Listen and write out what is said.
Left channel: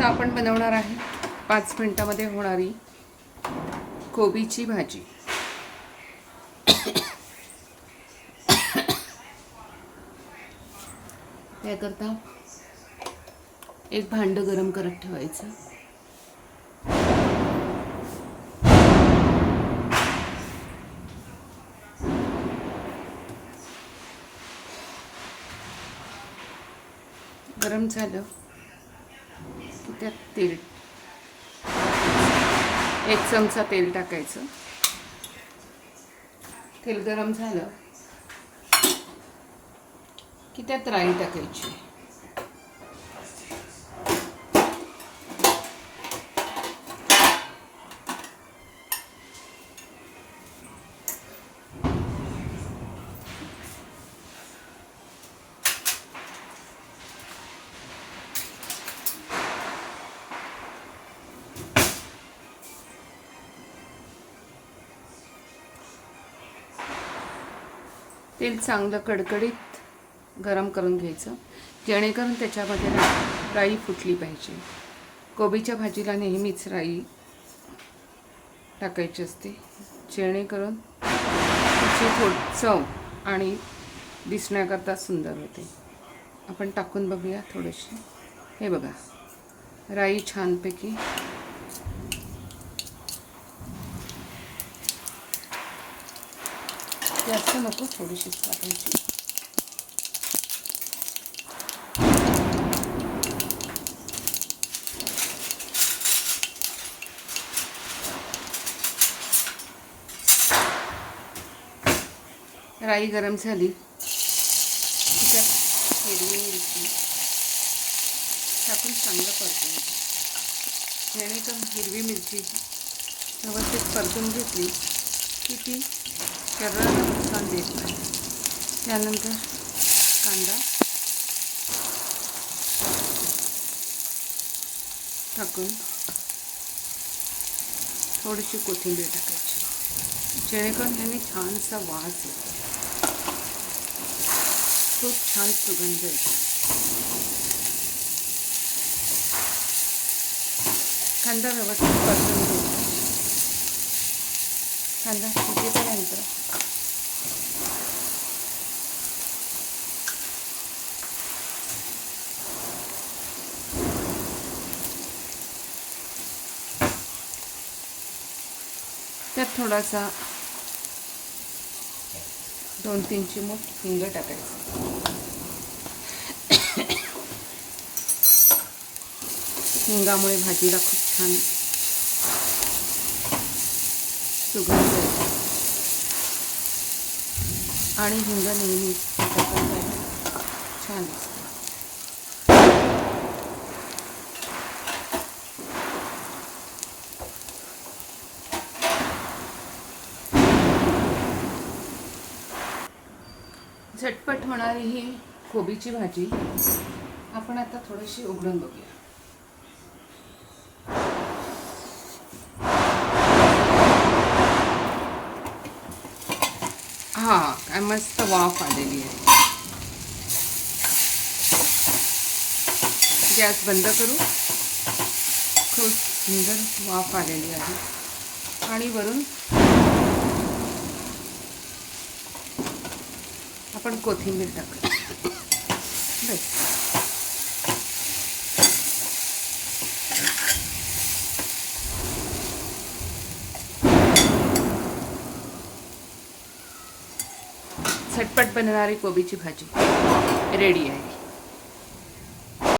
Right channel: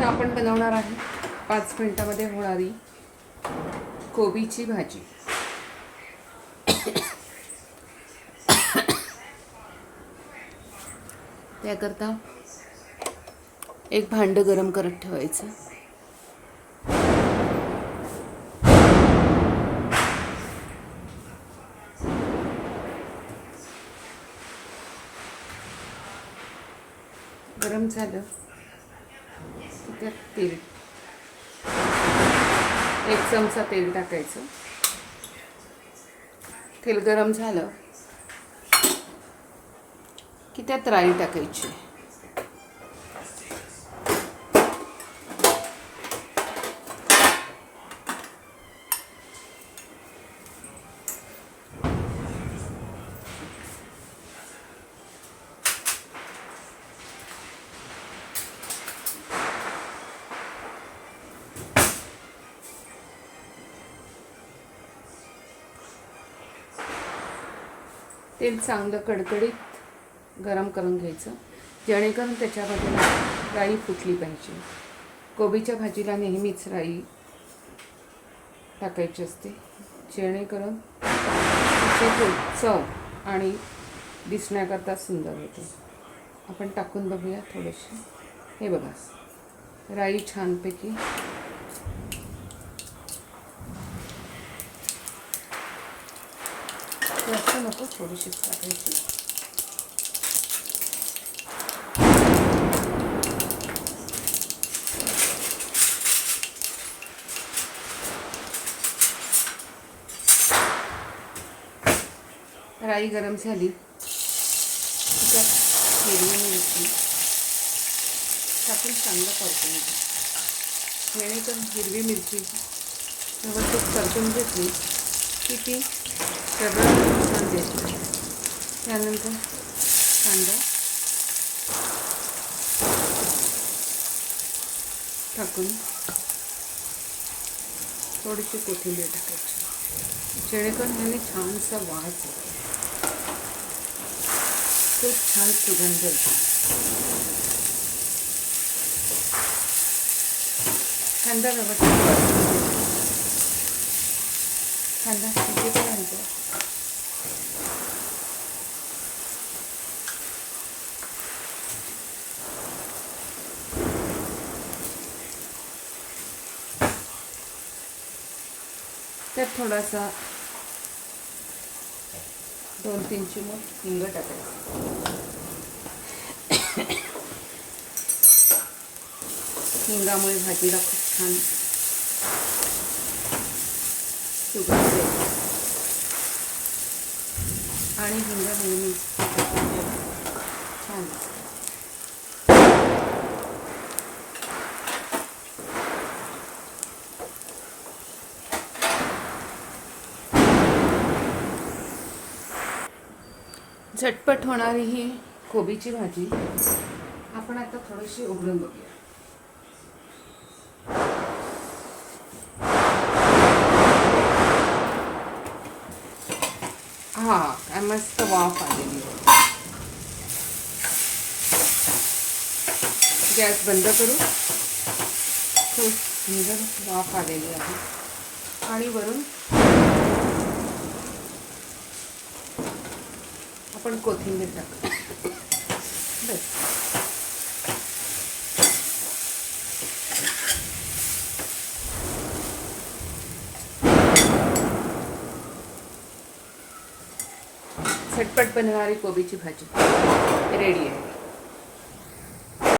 आता आपण बनवणार आहे 5 मिनिटामध्ये होणारी कोबीची भाजी. त्याकरता एक भांडं गरम करत ठेवायचं. गरम झालं की त्यात तेल, 1 चमचा तेल टाकायचं. तेल गरम झालं की त्यात राई टाकायची. तेल चांगलं कडकडीत गरम करून घ्यायचं, जेणेकरून त्याच्यामध्ये राई फुटली पाहिजे. कोबीच्या भाजीला नेहमीच राई टाकायची असते, जेणेकरून त्याची चव आणि दिसण्याकरता सुंदर होते. आपण टाकून बघूया थोडीशी. हे बघा, राई छानपैकी जास्त नको, थोडीशीच टाकायची. राई गरम झाली की त्यात हिरवी मिरची टाकून चांगलं परतून घ्यायचं. जेणेकरून हिरवी मिरची व्यवस्थित परतून घेतली की ती सगळं छान देते. त्यानंतर कांदा टाकून थोडीशी कोथिंबीर टाकायची, जेणेकरून ह्याने छानसा वास येतो, खूप छान सुगंध येतो. कांदा व्यवस्थित परतून कांदा शिजेपर्यंत त्यात थोडासा 2-3 चिमूट हिंग टाकायचं. हिंगामुळे भाजीला खूप छान सुगंध येतो आणि हिंग नेहमी छान दिसतं. झटपट होणारी ही कोबीची भाजी आपण आता थोडीशी उघडून बघूया. हां, काय मस्त वाफ आलेली आहे. गॅस बंद करू. खूप सुंदर वाफ आलेली आहे आणि वरून आपण कोथिंबीर टाकू. बस. झटपट बनणारी कोबीची भाजी रेडी आहे.